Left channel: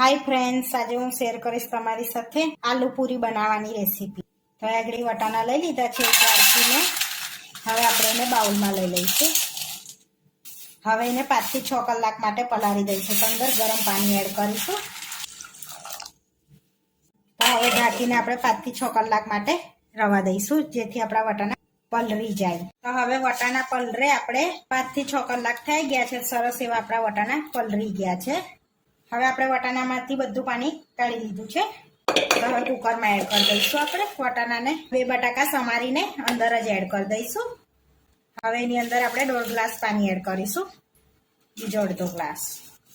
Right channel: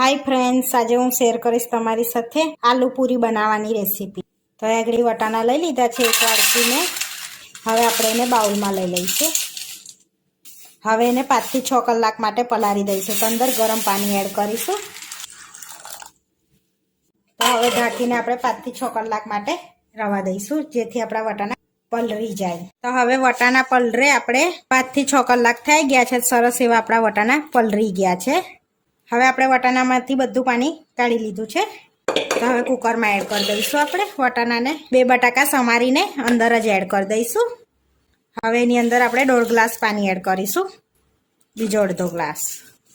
Hi friends, आज हूँ शेर करीश तमारी साथे आलू पूरी बनावानी रेसिपी। तो आगळी वटाणा लई लीधा छे एक वाटकी में। हवे आपणे एने बाउल में लई लईशुं। हवे एने 5 થી 6 कलाक माटे पलारी दईशुं। तो अंदर गरम पानी एड करीशुं। तो हवे ढांकीने आपणे 5 થી 6 कलाक माटे रवा दईशुं, जेथी आपणा वटाणा पलरी जाए। तो हवे वटाणा पलरे आपणे 5 થી 6 कलाक थई गया छे। सरस एवा आपणा वटाणा पलरी गया छे। हवे आपणे वटाणामांथी बधुं पाणी काढी लीधुं छे। तो हवे कुकरमां एड करी दईशुं। आपणे वटाणाने 2 बटाका समारीने अंदर ज एड करी दईशुं। हवे एनी अंदर आपणे 1.5 ग्लास पाणी एड करीशुं, बीजो अर्धो ग्लास।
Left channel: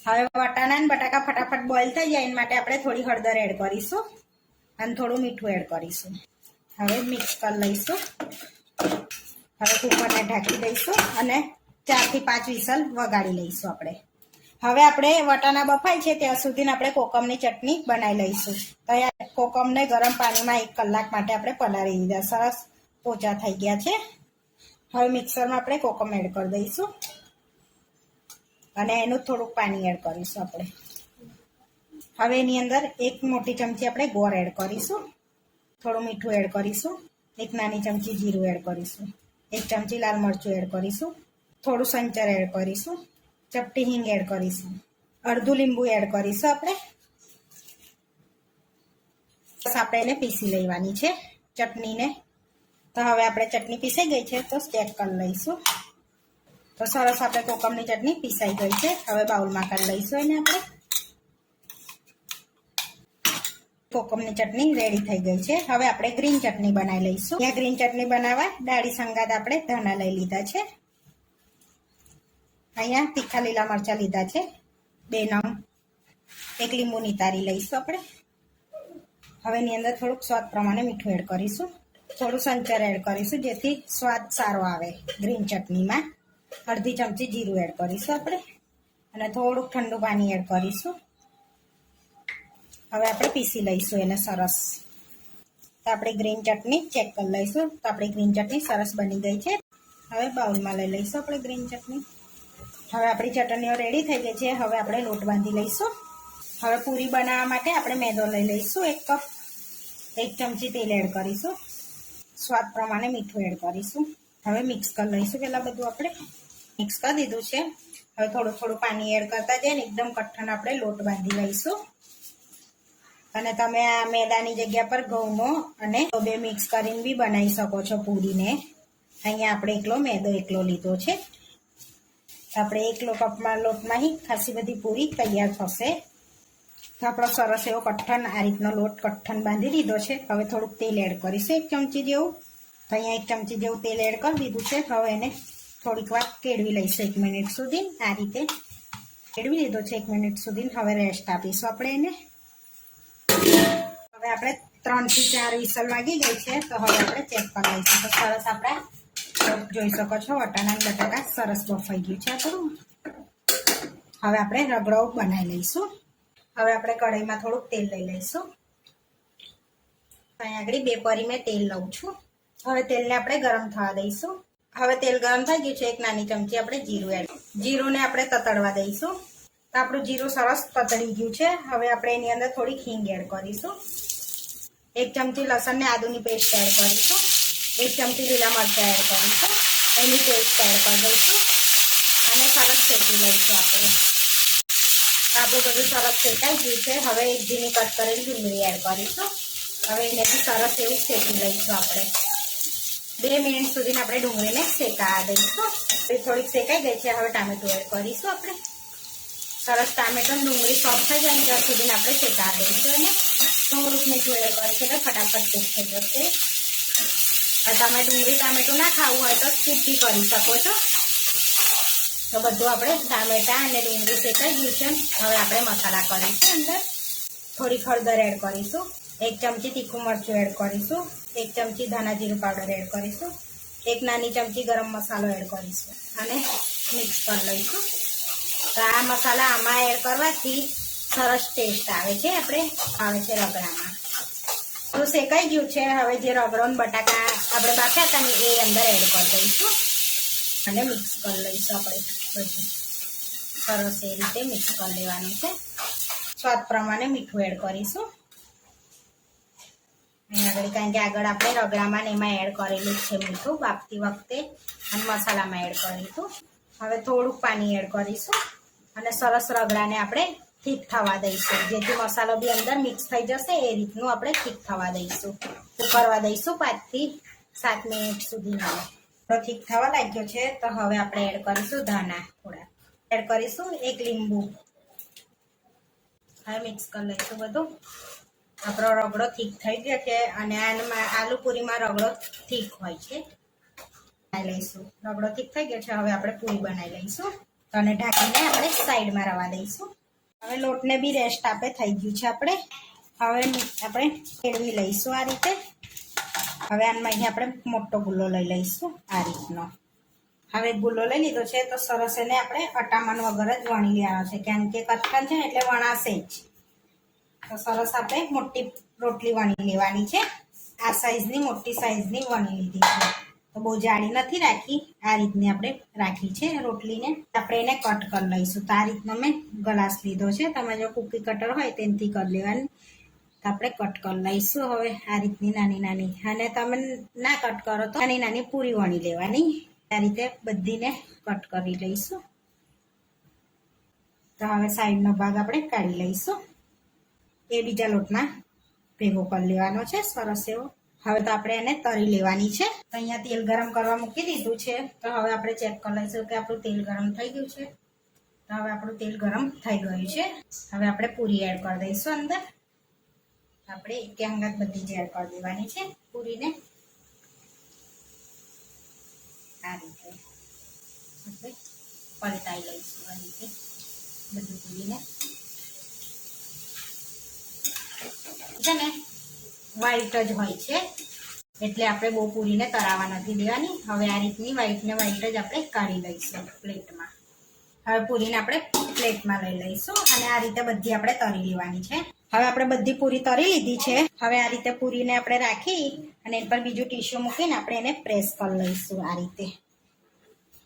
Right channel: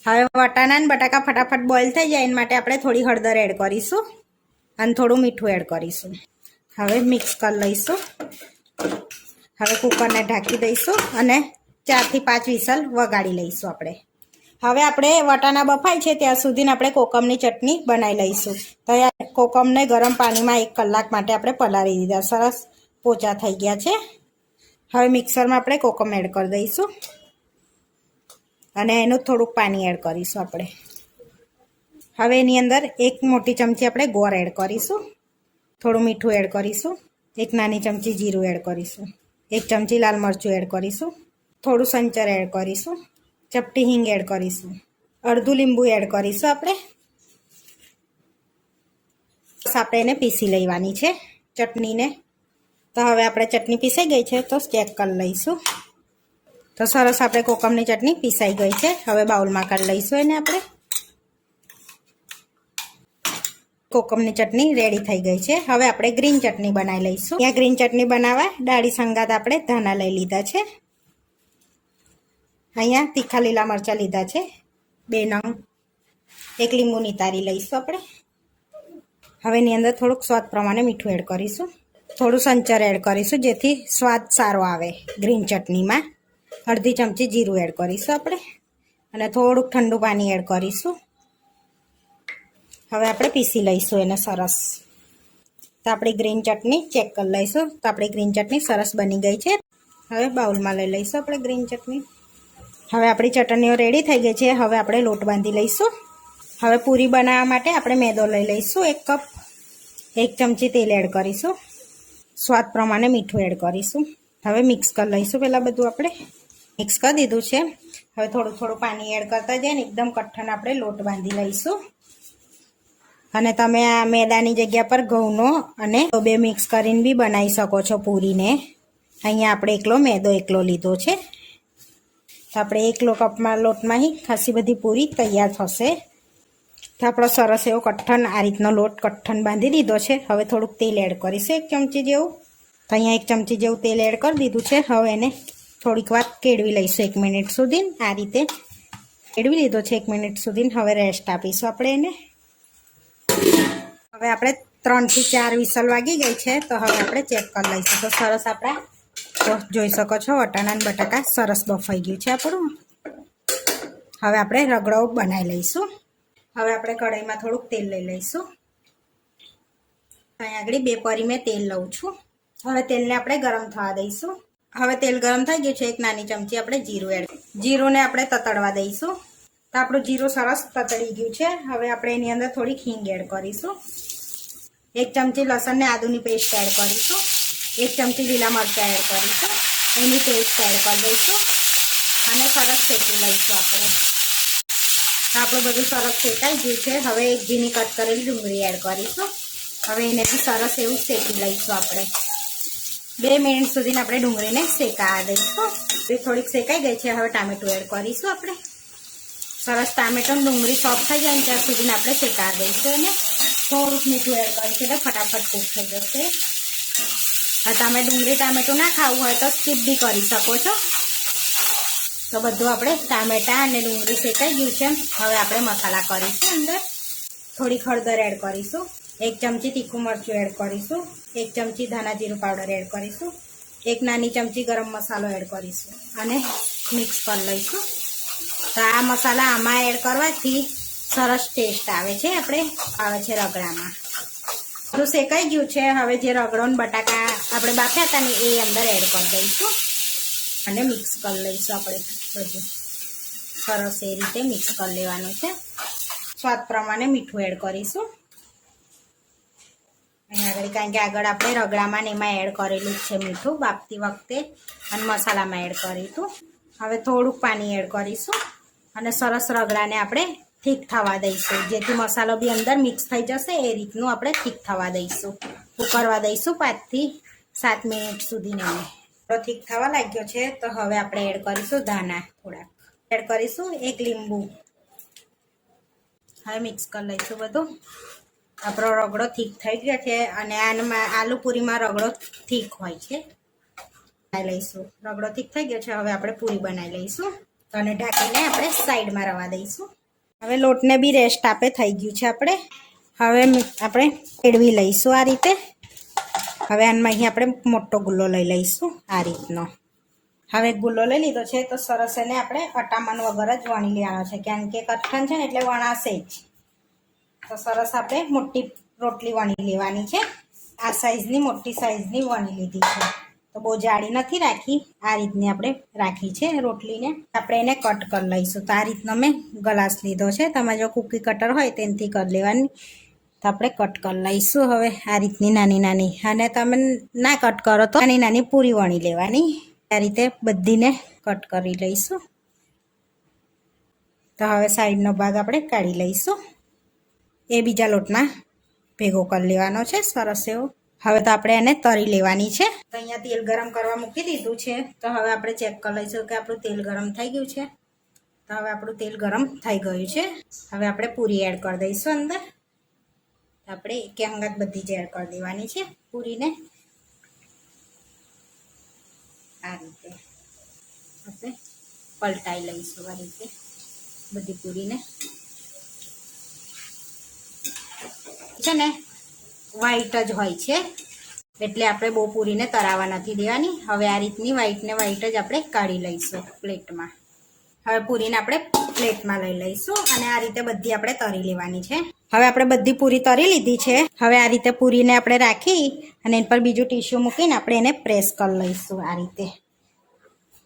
हवे वटाणा अने बटाका फटाफट बॉइल थई जाय एना माटे आपणे थोड़ी हळदर एड करीशुं अने थोडुं मीठुं एड करीशुं। हवे मिक्स करी लईशुं। हवे कुकरने ढांकी दईशुं अने 4 થી 5 विसल वगाड़ी लईशुं। आपणे हवे आपणे वटाणा बफाय छे त्यां सुधीने आपणे कोकमनी चटणी बनावी लईशुं। तो आ कोकમને गरम पाणीमां 1 કલાક माटे आपणे पलाળી दीधा। सरस पोचा थई गया छे। हवे मिक्सरमां आपणे कोकम एड करी दईशुं अने एनुं थोडुंक पाणी एड करीशुं। आपणे हवे एनी अंदर 1 मोटी चमची आपणे गोळ एड करीशुं, थोडुं मीठुं एड करीशुं, 1 नानी चमची जीरुं एड करीशुं, 1 चमची लाल मरचुं एड करीशुं, थोडुं संचर एड करीशुं, चपटी हींग एड करीशुं, अर्धुं લીંબુ एड करीशुं। आपणे बस आपणे एने पीसी लेवानी छे चटनीने। तो हवे आपणे चटनी पीसाई गई छे तो चेक करी लईशुं। तो सरस आपणे कोकमनी चटनी पीसाई गई छे। हवे बाउलमां काढी लईशुं एने। आपणे कोकमनी चटनी रेडी थई गई छे। हवे आपणे ग्रीन चटनी बनावी लईशुं। या ग्रीन चटनी बनाववा डाळी संगात आपणे धाना लई लीधा छे। अहींया तीखा लीला मरचा लीधा छे 2 नंग, 1 લીંબુ नितारी लईशुं। आपणे हवे एनी अंदर थोडुंक स्वाद प्रमाणे मीठुं एड करीशुं, थोडुं संचर एड करीशुं जेथी स्वाद सारो आवे ग्रीन चटनीमां। अर्धी चमची जीरुं एड करीशुं आपणे अने थोडुंक ठंडु पाणी एड करीशुं। हवे आपणे पीसी लईशुं एने सरस। तो आपणी ग्रीन चटनी चेक करी लईशुं। तो आपणी ग्रीन चटनी सरस बनी गई छे। हवे बाउलमां लई लईशुं आपणे ग्रीन चटनी। हवे आपणी चटनीओ रेडी थई गई छे। हवे आपणे लोट बांधी लईशुं। हवे पूरी बनाववा माटे आपणे मैदो लई लईशुं 1 कप, 1 चमची तेल एड करीशुं, स्वाद प्रमाणे मीठुं एड करीशुं। हवे मिक्स करी लईशुं। पहेला बधुं आपणे मिक्स करी दीधुं छे। हवे थोडुं थोडुं पाणी एड करता जईने एकदम कठण आपणे लोट बांधी लईशुं। अने तमे आ मैदानी जग्या पर घऊंनो अने बे मिक्स करीने बी बनावी शको छो पूरीने। अहींया आपणे एकलो मैदो एकलो लीधो छे। तो आपणे 1 किलो कपमां लोटमां ही खासी बधी पूरी तैयार थशे। तो आपणो सरस एवो कठण आ रीतनो लोट कठण बांधी दीधो छे। हवे थोडुंक तेल एड करीशुं 1 चमची जेवुं। तो अहींया 1 चमची जेवुं तेल एड करी दीधुं छे। हवे एने थोड़ीक वार केळवी लईशुं 1 मिनिट सुधी। आ रीते केळवी लीधो छे 1 मिनिट सुधी। हवे रेस्ट आपीशुं आपणे एने। हवे आपणे 3 થી 4 विसल वागी गई छे। तो हवे आपणे चेक करी लईशुं। तो सरस आपणा જોઈ શકો છો વટાણા અને બટાકા સરસ બફાઈ ગયું છે આપણું। હવે આપણે રગડો બનાવી લઈશું। હવે આપણે કઢાઈમાં થોડુંક તેલ લઈ લઈશું। અહીં આગળ 2 પરી મેં તેલ લઉં છું। હવે તેલને આપણે ગરમ થવા દઈશું। હવે તેલ ગરમ થઈ ગયું છે। 1 નાની ચમચી આપણે જીરું એડ, જીરુંને આપણે તતડવા દઈશું। તો આપણું જીરું સરસ તતડી ગયું છે। હવે આપણે એની અંદર થોડીક હિંગ એડ કરીશું। 1 ચમચી લસણ ને આદુની પેસ્ટ એડ કરીશું। 1 ચમચી લીલા મરચાં એડ કરીશું। એની પેસ્ટ એડ કરી દઈશું અને સરસ શેકી લઈશું આપણે। આપણું બધું સરસ શેકાઈ ગયું છે। હવે 1 ઝીણી કટ કરેલી ડુંગળી એડ કરીશું। હવે એને બી સરસ એવું શેકી લઈશું આપણે। 2 મિનિટ સુધી આપણે ડુંગળીને શેકાવા દઈશું। એ થોડીક શેકાઈ ગઈ છે। હવે ટામેટું એડ કરીશું આપણે। સરસ ટામેટું ડુંગળી સોફ્ટ થઈ જાય ત્યાં સુધી આપણે શેકાવા દઈશું અને થોડુંક મીઠું એડ કરીશું એટલે ફટાફટ કૂક થઈ જશે। તમે ડુંગળી ટામેટું ના ખાવું હોય તો સ્કીપ બી કરી શકો છો। તો બધું આપણે ટામેટા અને ડુંગળી શેકાઈ ગયું છે। હવે આપણે મસાલા કરીશું। અંદર થોડીક હળદર એડ કરીશું, 1 ચમચી તીખું મરચું એડ કરીશું, 1 ચમચી ધાણા જીરું પાવડર એડ કરીશું, 1 નાની ચમચી ગરમ મસાલો એડ કરીશું અને મિક્સ કરી લઈશું। તો આ મસાલા આમાં એડ કરવાથી સરસ ટેસ્ટ આવે છે રગડામાં। તો શેકાઈ ગયું છે। હવે જે રગડો ને બટાકા આપણે બાફ્યા હતા ને એ અંદર એડ કરી દઈશું અને મિક્સ કરી લઈશું। આપણે બધું સરસ એ રીતે મિક્સ કરી લેવાનું છે। સ્વાદ પ્રમાણે મીઠું એડ કરીશું અહીંયા આગળ, કારણ કે આગળ આપણે રગડામાં ને એમાં એડ કરેલું જ છે મીઠું બાફતી વખતે અને મસાલામાં એડ કર્યું હતું. હવે થોડુંક પાણી એડ કરીશું અને સરસ રગડાને આપણે ઠીક થવા દઈશું, જેથી મસાલો બી અંદર મિક્સ થઈ જશે એ રીતનું આપણે ઠીક થવા દઈશું. ઉકળવા દઈશું 5 થી 7 મિનિટ સુધી. તો ઠીક થવા લાગ્યો છે તો હવે આપણે એડ કરીશું ધાણા, થોડાક એડ કરીશું 1 લીંબુ. હવે મિક્સ કરી લઈશું બધું. આપણો રગડો ઠીક થઈ ગયો છે અને આમાં આલુ પૂરીમાં રગડો ઠીક હોય છે. લઈશું રગડો ઠીક થઈ ગયો છે. હવે આપણે પૂરી બનાવી લઈશું અને ઢાંકીને આપણે સાઈડમાં રવા દઈશું. હવે લોટને બી રેસ્ટ આપે થઈ ગયું છે આપણે. હવે આપણે ફેરવી લઈશું આ રીતે. હવે આમાં અહીં આપણે મોટો ગુલ્લો લઈ લઈશું આ રીતનો. હવે ગુલ્લો લઈ લીધો છે તો સરસ એને આપણે અટામણ વગર જ વણી લેવાનો છે, કારણ કે કઠણ છે ને એટલે વણાશે જ. તો સરસ આપણે મોટી રોટલી વણી લેવાની છે. આ સાઈઝની મોટી સાઈઝની વણી લીધી છે, તો બહુ જાડી નથી રાખી, આ રીતની આપણે રાખી છે રોટલીને. આપણે એને કટ કરી લઈશું. તો આ રીતનો મેં ગ્લાસ લીધો છે, તમારે જો કૂકી કટર હોય તેનાથી કરી લેવાની. તો આપણે કટ કરી લઈશું હવે આ રીતની નાની નાની. અને તમે ના કટ કરો તો નાની નાની પૂરી વણી લેવાની. આ રીતે બધીને કટ કરી લઈશું. તો હવે સાઈડનો ભાગ આપણે કાઢી લઈશું. એ બીજા લોટમાં ભેગો કરી લેવાનો છે સરસ એવો. હવે તો આપણે એને તળી લેવાની છે. તો અહીંયા તેલ ગરમ કરવા મૂકી દીધું છે. તો હવે આપણે ચેક કરી લઈશું કે આપણું તેલ ગરમ થઈ ગયું છે. તો હવે આપણું તેલ ગરમ થઈ ગયું છે. હવે આપણે પૂરી એડ કરી દઈશું અંદર. આપણે એક અંગત બધી જ એડ કરી દેવાની છે પૂરીને. આ રીતે આપણે પલટાઈ લઈશું આ રીતે બધી પૂરીને. છે ને વ્હાઈટ જ હોય છે એટલે આપણે બહુ પૂરીને તરાવા નથી દેવાની. હવે આ રીતની વ્હાઈટ ને વ્હાઈટ જ આપણે કાઢી લઈશું પ્લેટમાં. હવે પૂરીને આપણે પ્લેટમાં લઈ લઈશું અને આ રીતે બધી આપણે તરી લેવાની છે. હવે આપણે બધી પૂરી તરી લીધી છે. હવે આ રીતે પૂરીને આપણે રાખી અને એના પર બીજું ટીશ્યુ મૂકીને આપણે એને પ્રેસ કરી લઈશું આ રીતે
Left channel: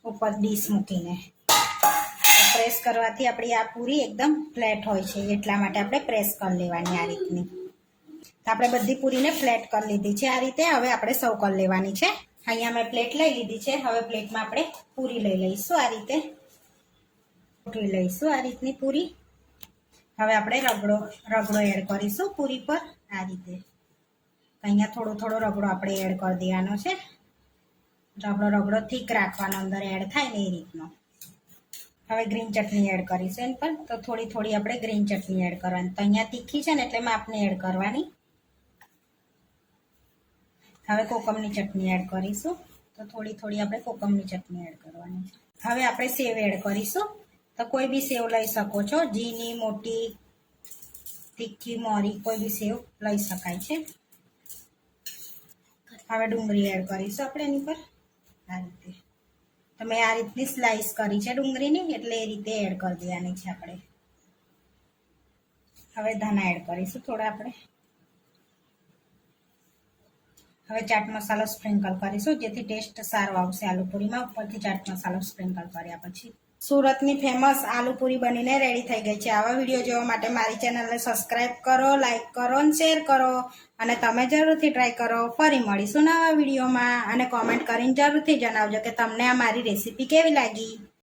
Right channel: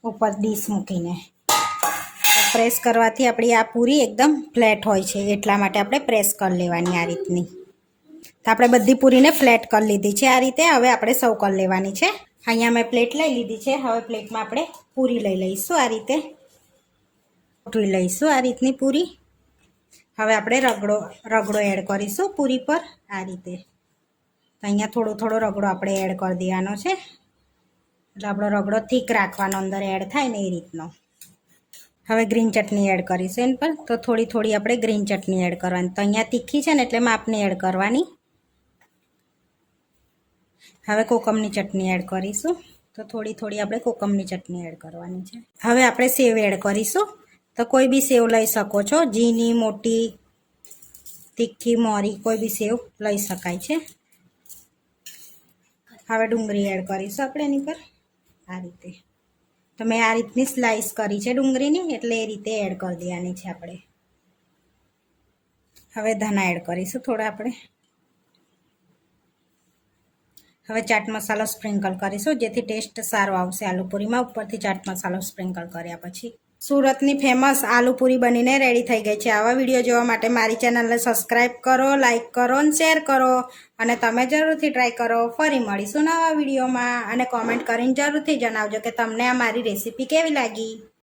ઉપર ડીશ મૂકીને. પ્રેસ કરવાથી આપણી આ પૂરી એકદમ ફ્લેટ હોય છે, એટલા માટે આપણે પ્રેસ કરી લેવાની આ રીતની. તો આપણે બધી પૂરીને ફ્લેટ કરી લીધી છે આ રીતે. હવે આપણે સર્વ કરી લેવાની છે. અહીંયા મેં પ્લેટ લઈ લીધી છે. હવે પ્લેટમાં આપણે પૂરી લઈ લઈશું આ રીતે. ગોઠવી લઈશું આ રીતની પૂરી. હવે આપણે રગડો એડ કરીશું પૂરી પર આ રીતે. તો અહીંયા થોડો થોડો રગડો આપણે એડ કરી દેવાનો છે, એટલે આપણો રગડો થીક રાખવાનો અંદર એડ થાય ને એ રીતનો. હવે ગ્રીન ચટણી એડ કરીશું એના પર. તો થોડી થોડી આપણે ગ્રીન ચટણી એડ કરવાની. તો અહીંયા તીખી છે ને એટલે માપની એડ કરવાની. હવે કોકમની ચટણી એડ કરીશું. તો થોડી થોડી આપણે કોકમની ચટણી એડ કરવાની છે. હવે આપણે સેવ એડ કરીશું. તો કોઈ બી સેવ લઈ શકો છો, ઝીણી મોટી તીખી મોરી કોઈ બી સેવ લઈ શકાય છે. હવે ડુંગળી એડ કરીશું આપણે એની પર આ રીતે. તો મેં આ રીતની સ્લાઈસ કરી છે ડુંગળીની, એટલે એ રીતે એડ કરી દેવાની છે આપણે. હવે ધાણા એડ કરીશું થોડા આપણે. હવે ચાટ મસાલો સ્પ્રિંકલ કરીશું, જેથી ટેસ્ટ સારો આવશે આલુપૂરીમાં. ઉપરથી ચાટ મસાલો સ્પ્રિંકલ કર્યા પછી સુરતની ફેમસ આલુપૂરી બનીને રેડી થઈ ગઈ છે. આવા વિડીયો જોવા માટે મારી ચેનલને સબસ્ક્રાઈબ કરો, લાઈક કરો અને શેર કરો. અને તમે જરૂરથી ટ્રાય કરો. ફરી મળીશું નવા વિડીયોમાં અને કોમેન્ટ કરીને જરૂરથી જણાવજો કે તમને આ મારી રેસીપી કેવી લાગી.